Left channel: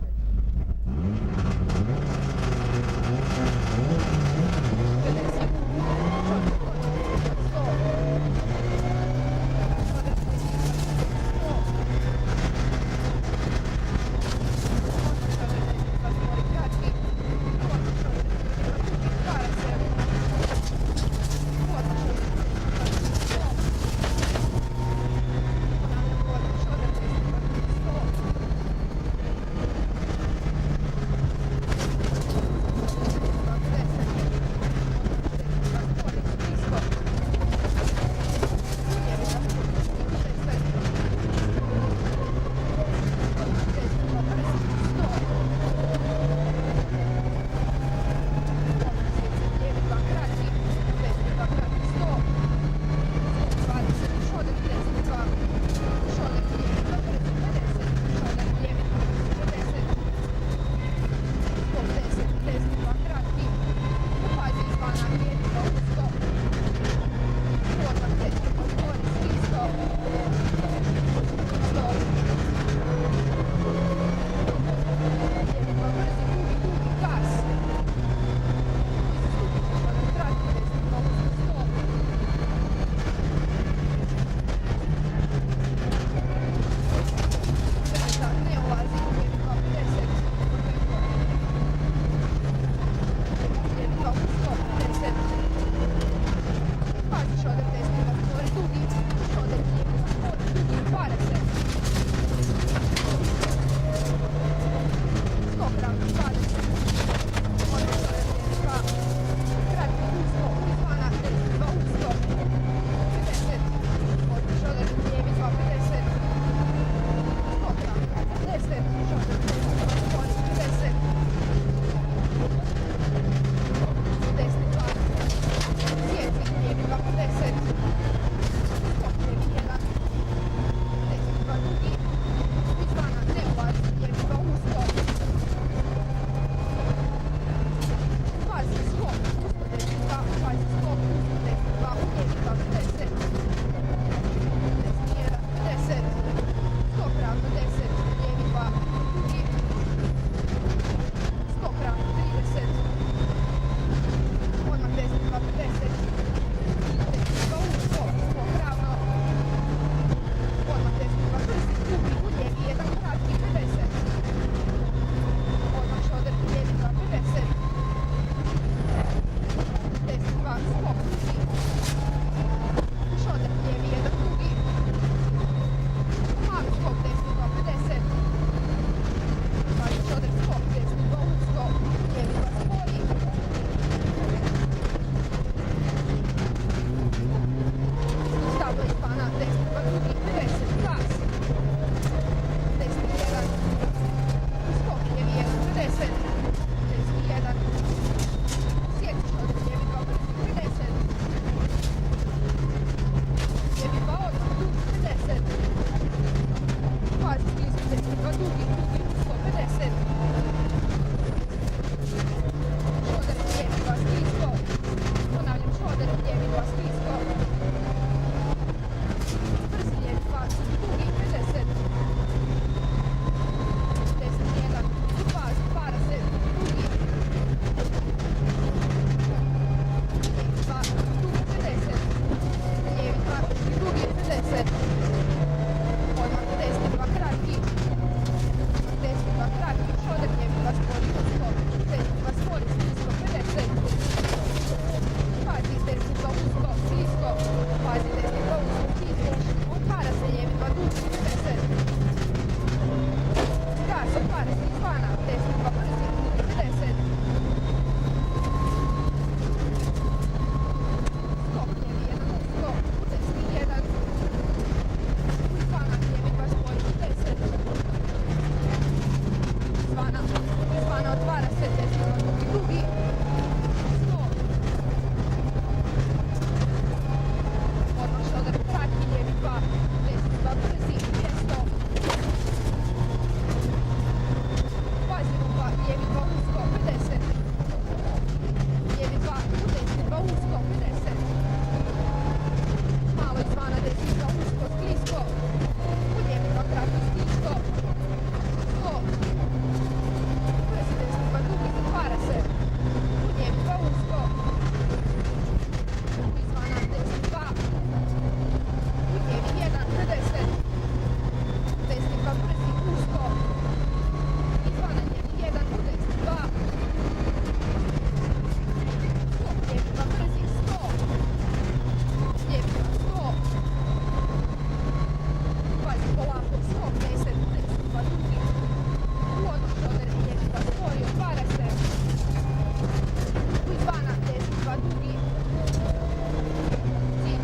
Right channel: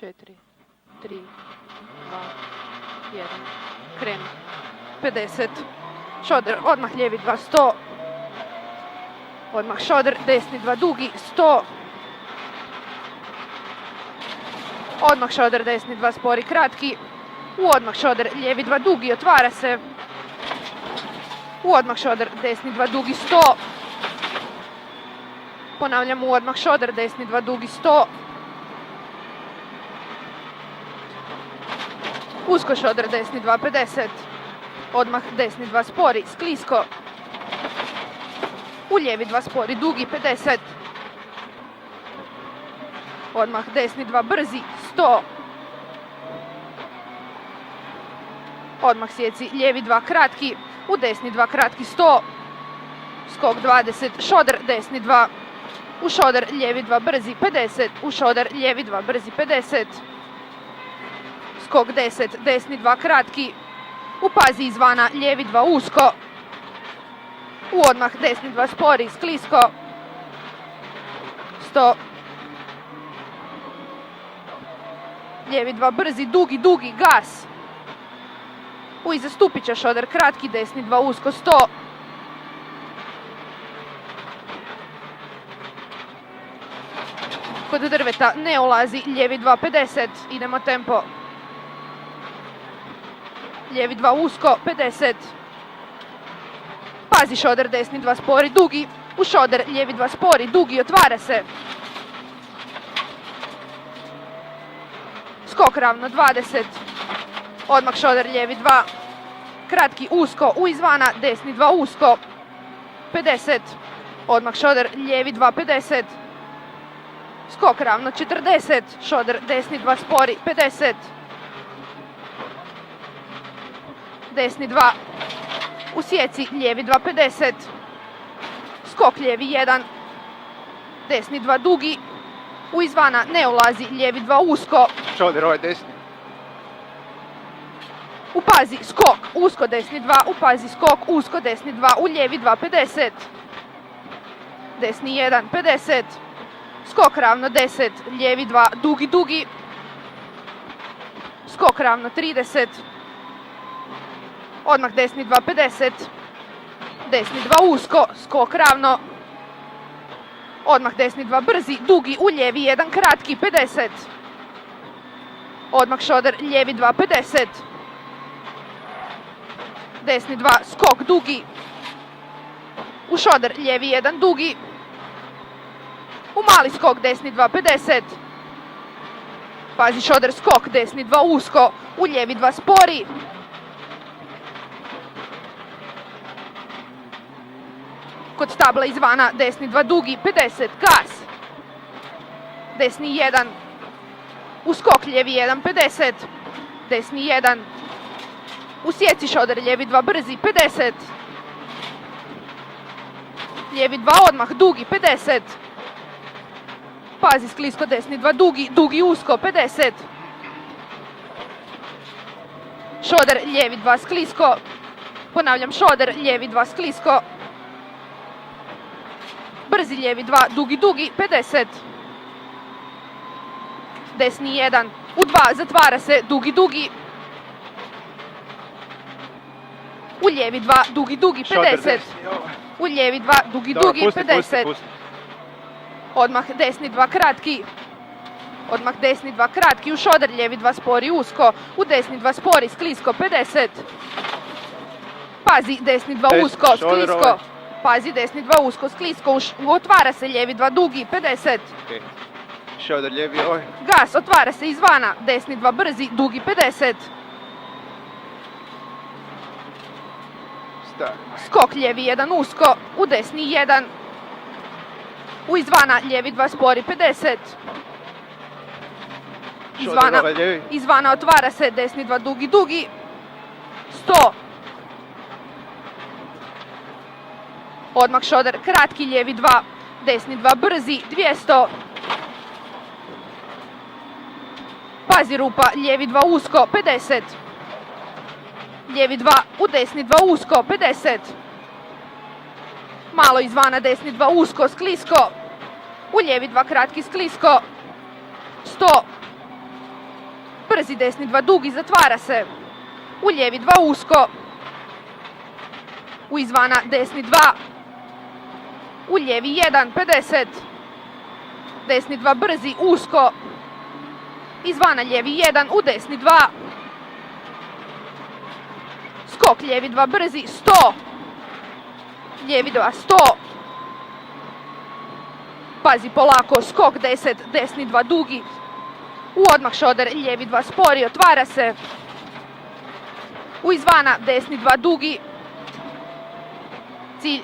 4, 3, 2, 1, kreni. 50. Šoder, odmah lijevi 2, 100. Odmah šoder, desni 2, dugi, 100. Odmah šoder, desni 2, spori, kratki. U odmah šoder, lijevi 2, dugi, otvara se. U odmah šoder, desni 2, dugi, 100. Ponavljam, u odmah šoder, desni 2, dugi, 100. Usko šoder, desni 2, 50. Odmah desni 2, spori, sklisko. U lijevi 2, spori, dugi, 50. Odmah desni 2, brzi, 100. Odmah sjeci, lijevi 2, kratki. U desni 2, kratki, 100. Skok 20, šoder, desni 2. U šoder, lijevi 2, brzi, 50. U šoder, lijevi 2, brzi, 50. Skok 10, desni 2, kratki. U pazi izvana, lijevi 2, usko. U odmah desni 2, spori, sklisko. 100. Lijevi 2, brzi, dugi, dugi, gas. U iza stupića šoder, kratki, desni 2, usko, 100. Kod drveta ne ulazi, lijevi 2, 50. Idemo tempo. Lijevi 2, usko, 50. Pazi šoder, desni 2, spori, dugi. U šoder, lijevi 2, spori, dugi, otvara se. Skok ravno, 20. Odmah šoder, lijevi 2. Kratki, usko, u izvana, desni 2, usko. 50. Odmah šoder, lijevi 2, 50. Skok ravno, 40. Šoder, desni 2, spori, 50. Desni 2. U sjeci, lijevi 2, 50. Skok lijevi 1. Desni 2, dugi. U izvana ne ulazi, lijevi 2, usko. Šoder, ovaj desni. U pazi, skok, usko, desni 2. U pazi, skok, usko, desni 2. U lijevi 2, 50. Desni 1, 50. Skok ravno 10, lijevi 2, dugi, dugi. Skok ravno 30. Odmah desni 2, 50. Desni 2, usko, skok ravno. Odmah desni 2, brzi, dugi, u lijevi 1, kratki, 50. Odmah šoder, lijevi 2, 50. Desni 2, skok, dugi. U šoder, lijevi 1, dugi. U mali skok, desni 2, 50. Pazi šoder, skok, desni 2, usko. U lijevi 2, spori. Kod stabla izvana, desni 2, dugi, 50, gas. Desni 1. U skok, lijevi 1, 50. Desni 1. U sjeci šoder, lijevi 2, brzi, 50. Lijevi 2, odmah, dugi, 50. Pazi sklisko, desni 2, dugi, dugi, usko, 50. Šoder, lijevi 2, sklisko. Ponavljam, šoder, lijevi 2, sklisko. Brzi lijevi 2, dugi, dugi, 50. Desni 1. U 2, zatvara se, dugi, dugi. U lijevi 2, dugi, dugi, 50. U lijevi 2, dugi, dugi, 50. Odmah desni 2, kratki. Odmah desni 2, kratki. U šoder, lijevi 2, spori, usko. U desni 2, spori, sklisko, 50. Pazi, desni 2, usko, sklisko. Pazi, desni 2, usko, sklisko. Otvara se, lijevi 2, dugi, 50. Šoder, lijevi ovaj. Gas, otvara se izvana. Desni 2, brzi, dugi, 50. Skok, lijevi 1, usko. U desni 1. U izvana, lijevi 2, spori, 50. Izvana otvara se, desni 2, dugi, dugi. 100. Odmah šoder, kratki, lijevi 2, desni 2, brzi, 200. Pazi rupa, lijevi 2, usko, 50. Lijevi 2, u desni 2, usko, 50. Malo izvana, desni 2, usko, sklisko. U lijevi 2, kratki, sklisko. 100. brzi, desni 2 dugi, zatvara se. U lijevi 2 usko. U izvana desni 2. U lijevi 1, 50. Desni 2 brzi, usko. Izvana lijevi 1, u desni 2. Skok lijevi 2 brzi, 100. Lijevi 2, 100. Pazi polako, skok 10, desni 2 dugi. U odmah šoder, lijevi 2 spori, otvara se. U izvana, desni 2 dugi. Cilj